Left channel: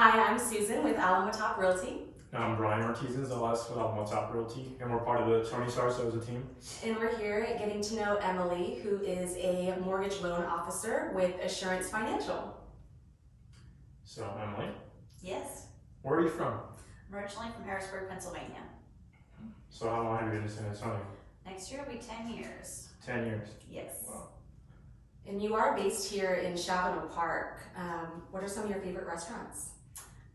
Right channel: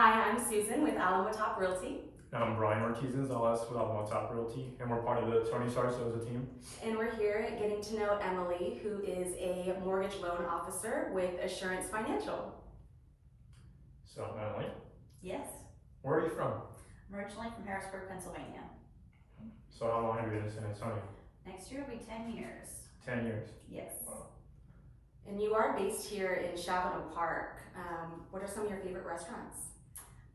Hi, I'm Susan with Alamo Realty, I'm Brian Ortiz-Gonzalez with Alamo Realty, and we're part of the Tony Stars as a team. and we're here getting to know Emily, who is a mortgage loan officer with Assurance Financial. So, Emily, Yes, where are you from? I'm originally from Harrisburg, Pennsylvania. So, how long have you been in San Antonio? Next year will be 10 years. 10 years. Yes. Wow. And you are based here in Shavano Park. What are some of your favorite restaurants?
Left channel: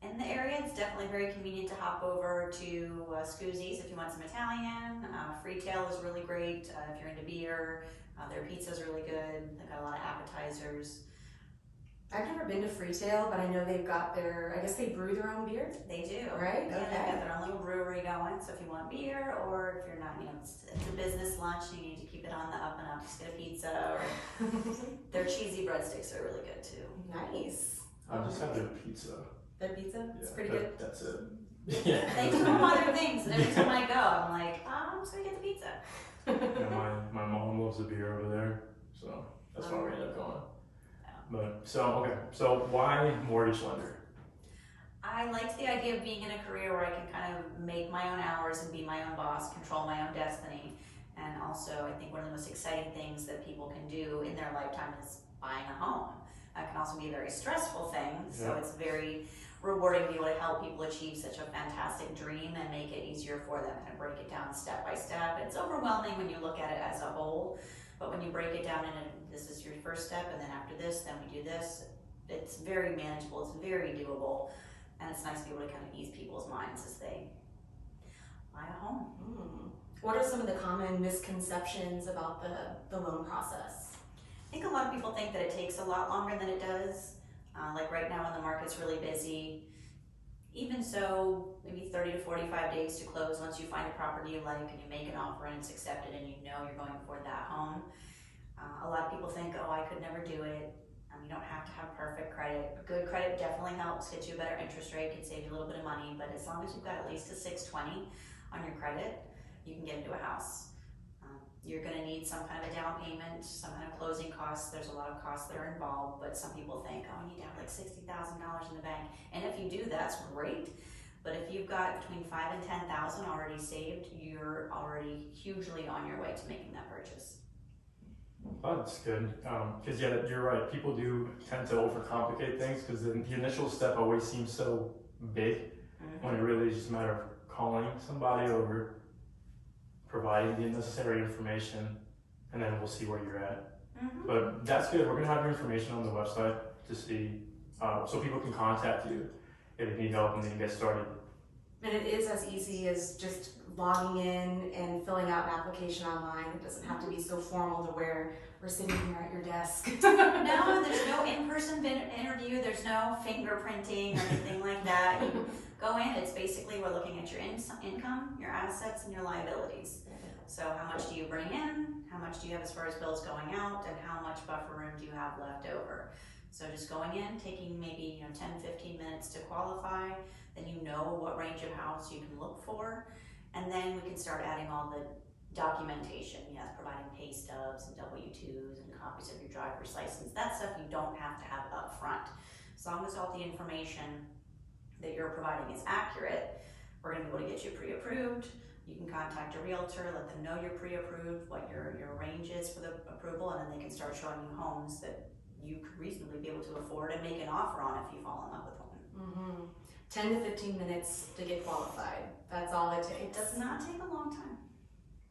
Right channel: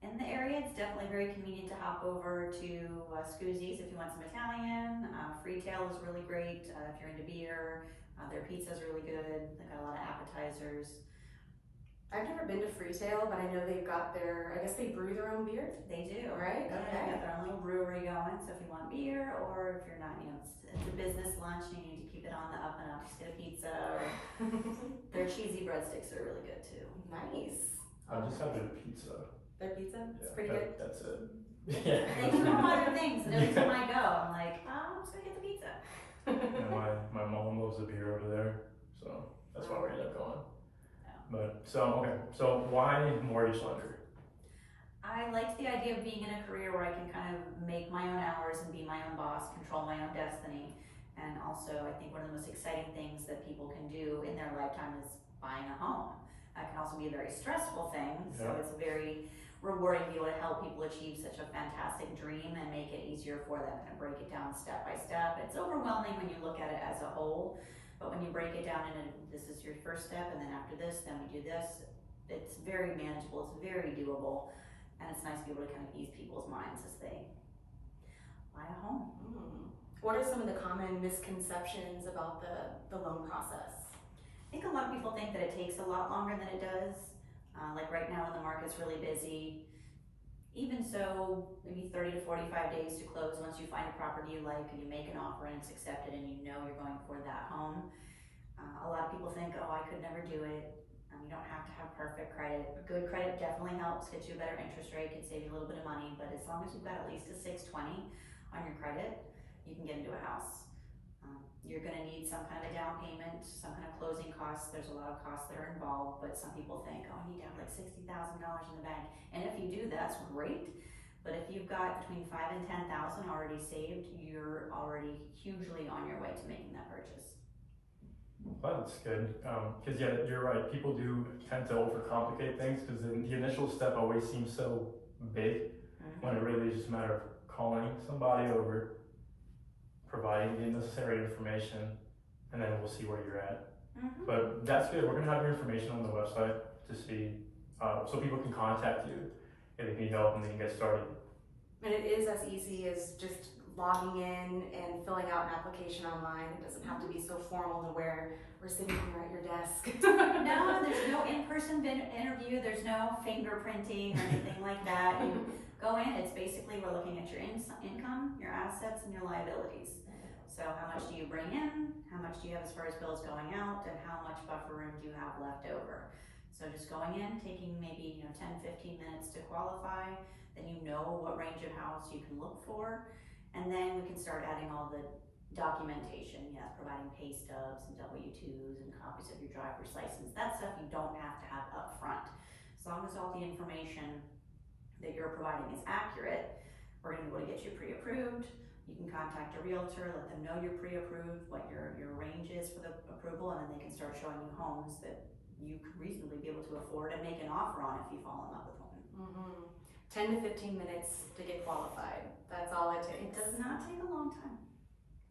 In the area, it's definitely very convenient to hop over to Scuzzi's if you want some Italian. Freetail is really great if you're into beer. Their pizza is really good. They've got a lot of appetizers. I've never been to Freetail, but I know they've got I guess they brew their own beer. They do. Right? Yeah, Okay. they've got their own little brewery going. So if you want beer, or if you're not, it's a business lunch and you need to keep it on the up and up, just get a pizza. Or their cheesy breadsticks are really good too. Nice. I just had their pizza. Their pizza? It's Yeah, pretty good. That's it. Yeah. They do all other things, and every time I go, I'm like, I'm just gonna get the pizza. And my mom loves the beer over there, so that's why we ended up going. But so why mortgage lender? I liked the idea of being in a career where I can kind of make my own hours and be my own boss, control my own destiny. And also, I think one of the most exciting things that people can do in their lifetime is buying a home. It can also be a very stressful thing, so it's very rewarding to be able to help people achieve such a fantastic dream and make it easier for them, kind of break it down step by step. It's overwhelming when you look at it as a whole, but when you break it down and this is your first step, and then after this, then we do this, it's very manageable, it's very doable, and it's nice to be able to kind of ease people's minds as they buy a home. What are some of the common misconceptions about the loan process? I think a lot of people think that it takes a lot longer than it does. Like right now when the market's really busy, even so, maybe 30 to 45 days to close once you find a property you like and you make an offer and it's accepted and you know you're going for that home. A lot of people think, oh, I could never do it. You don't have to have perfect credit. Good credit definitely helps get you a better interest rate, can save you a little bit of money, but as long as you've got at least a 620 on your credit, you can get into a house. You're going to need some kind of a down payment, some kind of closing costs. There's a lot of costs that are involved, but some people think, oh, I need to have like $60,000 in the bank. And if you do, that's great. But if you've got between $5,000 and $10,000 already saved, you're already hugely on your way to making that purchase. Oh, that's good. Because you're right. People do tend to overcomplicate things because the initial step always seems so big when it really is just a matter of calling somebody over, providing the necessary information, and then we'll see where you're at. But that's good. We're gonna have your information on the website to see, so people can contact you if they need help and they can get started. And it is as easy as just logging in and filling out an application online. It doesn't have to be so formal to where we're sitting here at your desk. No, there's no in-person interview, there's no fingerprinting or anything like that. You go in, it's basically we're looking at your income, your assets, and your liabilities. So how much do you bring in, how much do you have as far as bills going out, and how much buffer room do you have left over. So just going in, taking maybe 10-15 minutes to qualify, then you know what range of house you can look for, and then we can start adding all the documentation, providing pay stubs and W-2s and copies of your driver's license. That stuff you don't have to have up front. As long as all the information that you're providing is accurate, we're gonna be able to get you pre-approved. You can contact a realtor, let them know you're pre-approved, what your range is for the approval, and then they can start showing you homes that you could reasonably be able to afford and make an offer on if you fall in love with one. 10 to 15 minutes to get qualified. That's all it takes. It does not take a long time.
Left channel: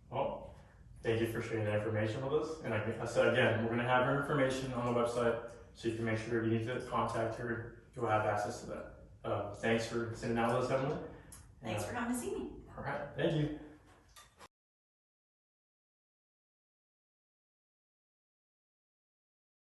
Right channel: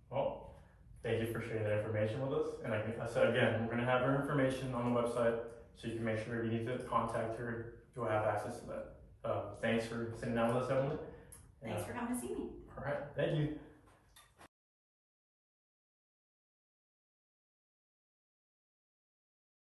Well, thank you for sharing that information with us. And I said again, we're going to have your information on the website so you can make sure if you need to contact her, you'll have access to that. Thanks for sitting down with us, Emily. Thanks for coming to see me. All right, thank you.